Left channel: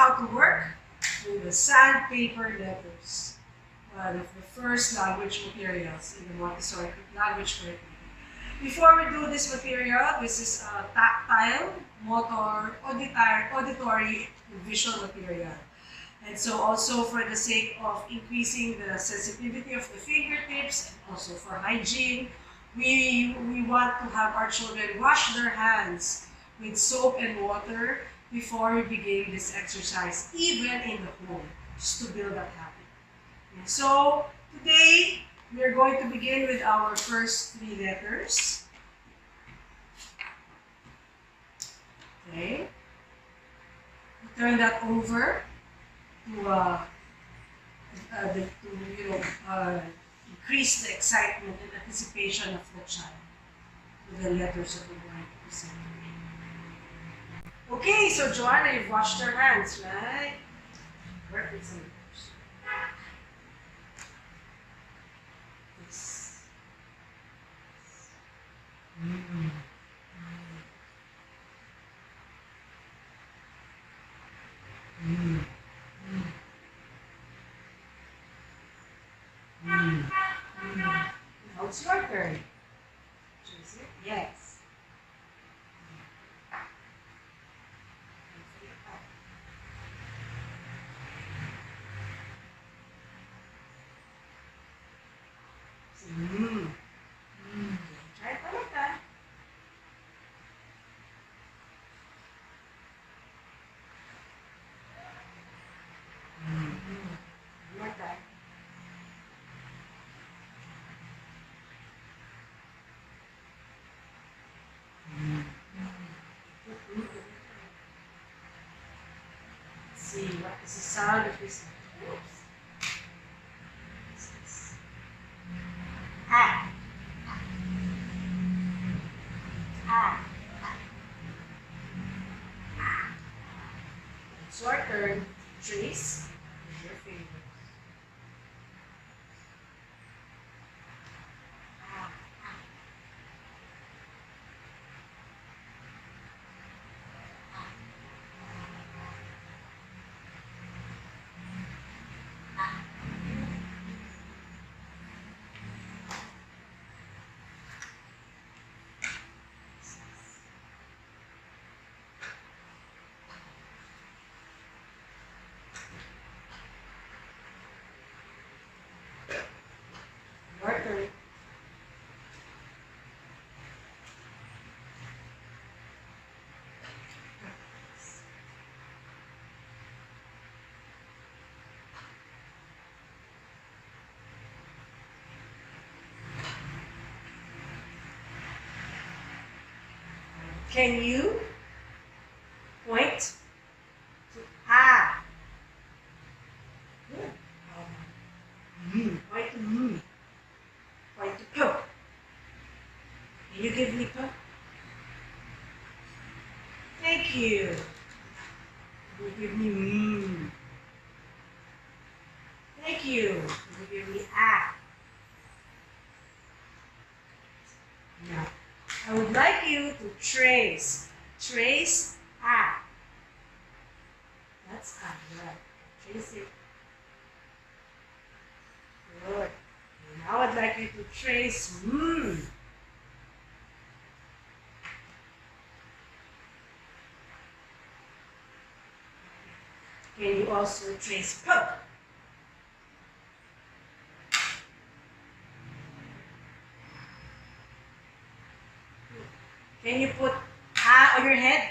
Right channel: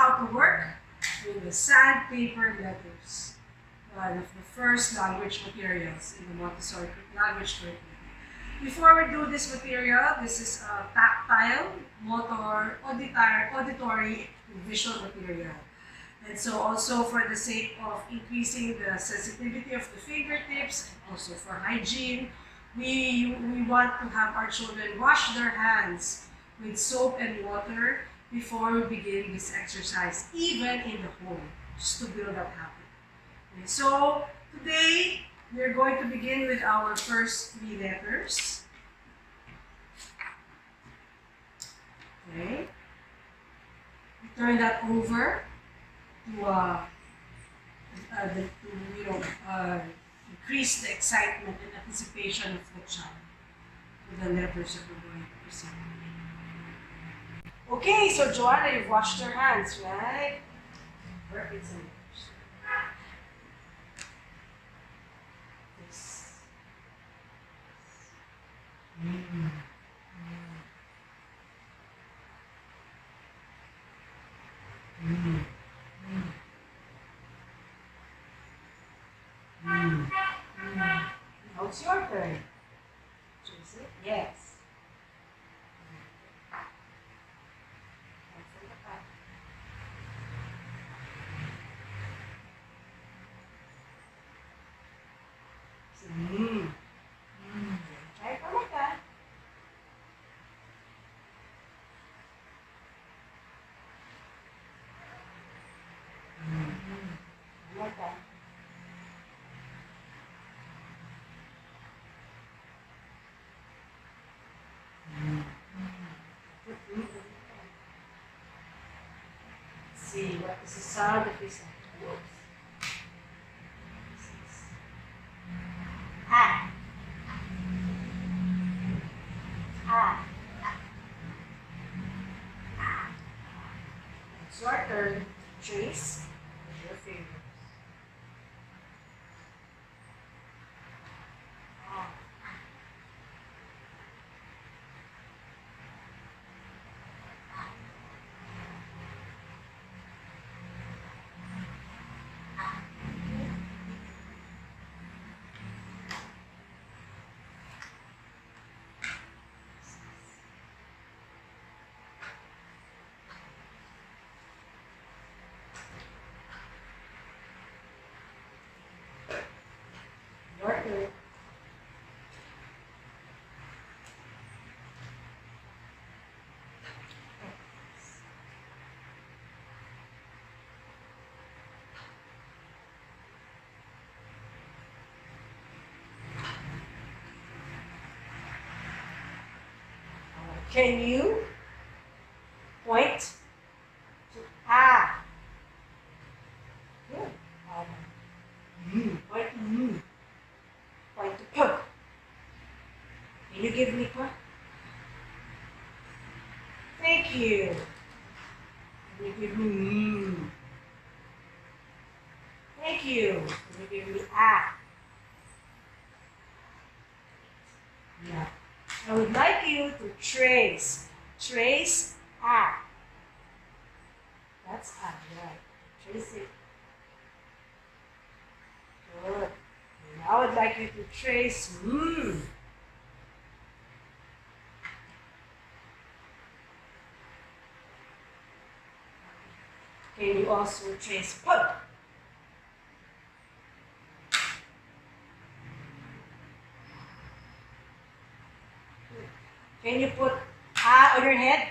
how to work with the sandpaper letters, one of the first language materials in the Montessori language curriculum. Before we do this material, this is a tactile, motor, auditory, visual material. And so also for the sake of increasing the sensitivity of the fingertips and also for hygiene, we want to have our children wash their hands with soap and water before we begin this exercise, even in the home, just to build that habit. And so today, we're going to begin with our first three letters. Okay. We turn that over to increase the excitement and anticipation of the child with the letters that we're going to present today. Okay, so Joanna, you've washed your hands, right? Work with some letters. This. Now it's your turn. Choose it? Yes. Try it one more time. One more time. Let's see, what is the sound of this? Oops. Ah. Ah. It's your turn. Trace with your fingers. Ah. Your turn. Can you point to ah? Good. Point to me. Point to p. Can you give me p? Thank you. Can you give me Thank you. Can you give me ah? Yeah. I would like you to trace. Trace ah. That's ah, right. Trace it. Good. And now I'd like you to trace Can you also trace p? Can you put ah on your head?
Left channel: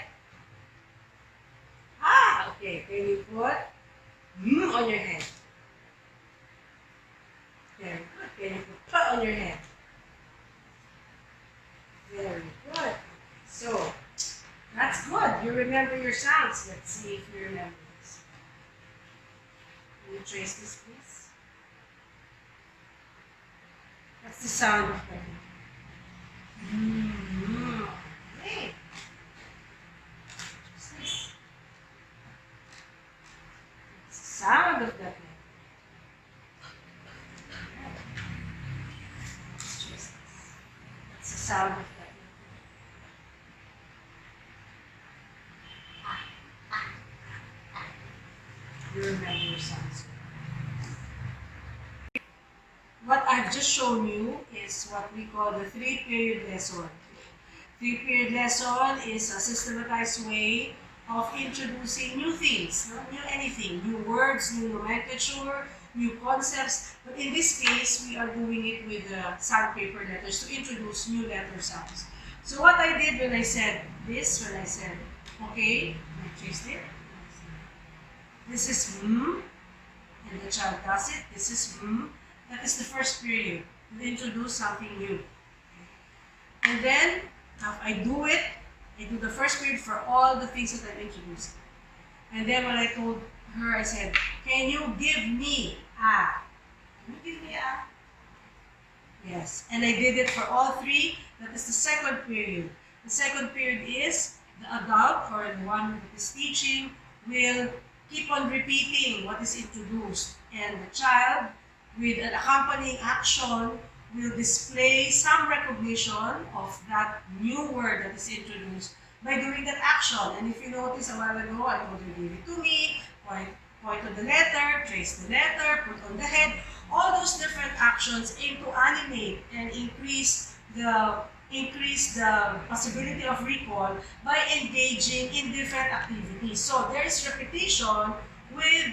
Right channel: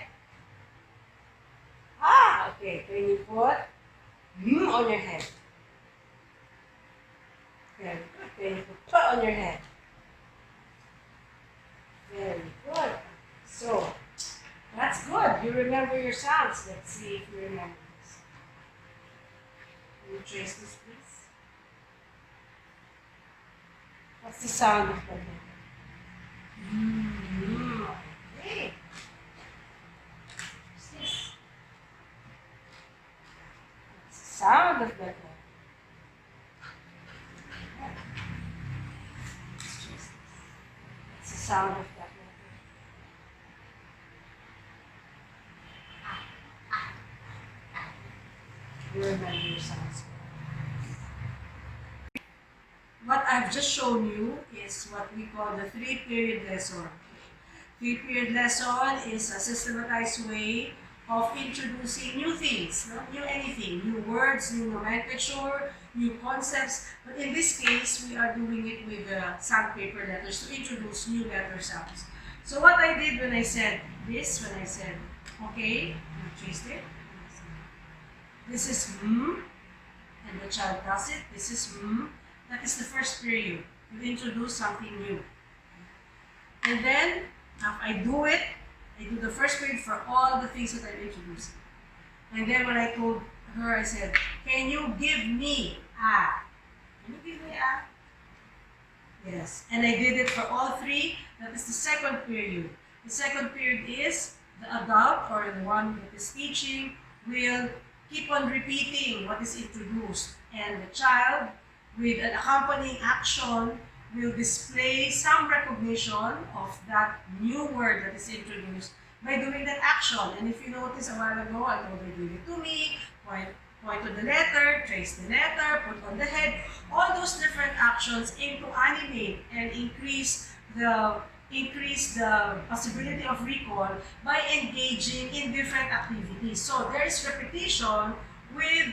Ah, okay. Can you put on your head? Very good. Can you put p on your head? Very good. So, that's good. You remember your sounds. Let's see if you remember this. Can you trace this, please? What's the sound of that? Okay. What's this? What's the sound of that? What's the sound of that? You remember your sounds. What I've just shown you is what we call the 3-period lesson. 3-period lesson is a systematized way of introducing new things, not new anything, new words, new nomenclature, new concepts. But in this case, we are doing it with the sandpaper letters to introduce new letter sounds. So what I did when I said this, okay, I traced it. This is and the child does it. This is That is the first period. You introduce something new. And then, after I do it, I do the first period for all the things that I've introduced. And then when I told her, I said, can you give me a? Can you give me a? Yes. And I did it for all three. That is the second period. The second period is the adult or the one that is teaching will keep on repeating what is introduced. And the child, with an accompanying action, will display some recognition of that new word that is introduced by doing that action. And if you notice a while ago, I told her, give it to me, point to the letter, trace the letter, put on the head. All those different actions aim to animate and increase the possibility of recall by engaging in different activities. So there is repetition with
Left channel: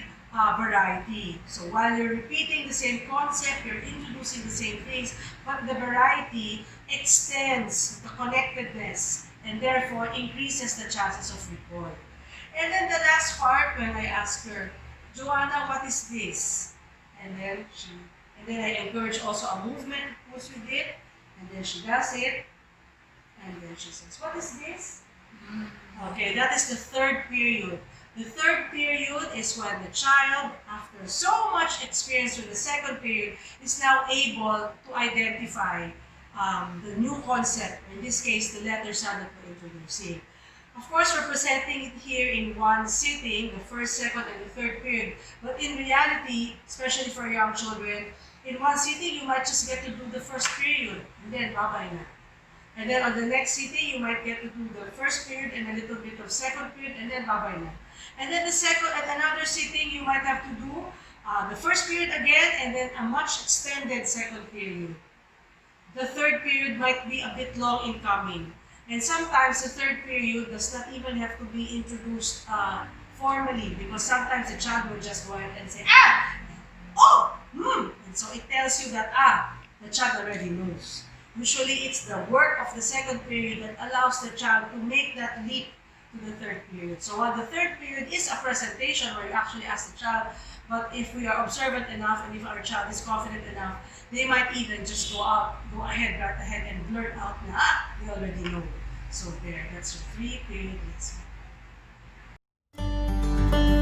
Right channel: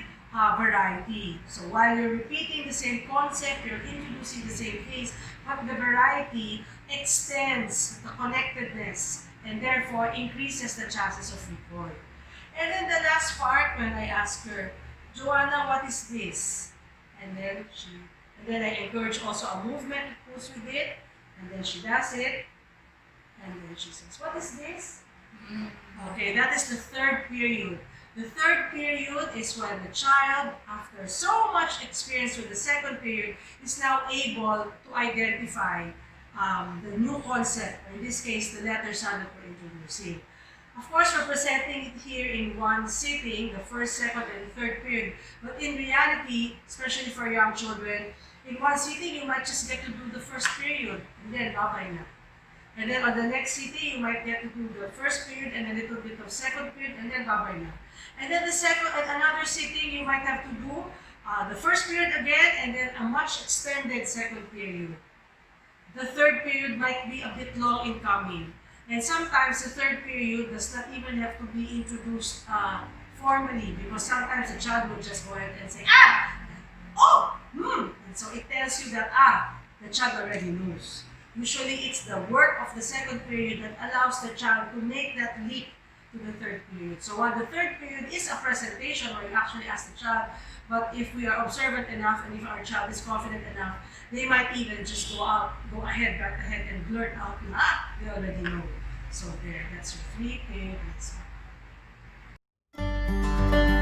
variety. So while you're repeating the same concept, you're introducing the same things, but the variety extends the connectedness and therefore increases the chances of recall. And then the last part, when I ask her, Joanna, what is this? And then I encourage also a movement goes with it, and then she does it, and then she says, what is this? Okay, that is the third period. The third period is when the child, after so much experience with the second period, is now able to identify the new concept, in this case, the letter sound that we're introducing. Of course, we're presenting it here in one sitting, the first, second, and the third period. But in reality, especially for young children, in one sitting, you might just get to do the first period, and then bye-bye na. And then on the next sitting, you might get to do the first period and a little bit of second period, and then bye-bye na. And then the second, at another sitting, you might have to do the first period again, and then a much extended second period. The third period might be a bit long in coming. And sometimes the third period does not even have to be introduced formally, because sometimes the child will just go ahead and say, and so it tells you that, the child already knows. Usually it's the work of the second period that allows the child to make that leap to the third period. So while the third period is a presentation where you actually ask the child, but if we are observant enough and if our child is confident enough, they might even just go ahead and blurt out na, they already know. So there, that's your 3-period lesson.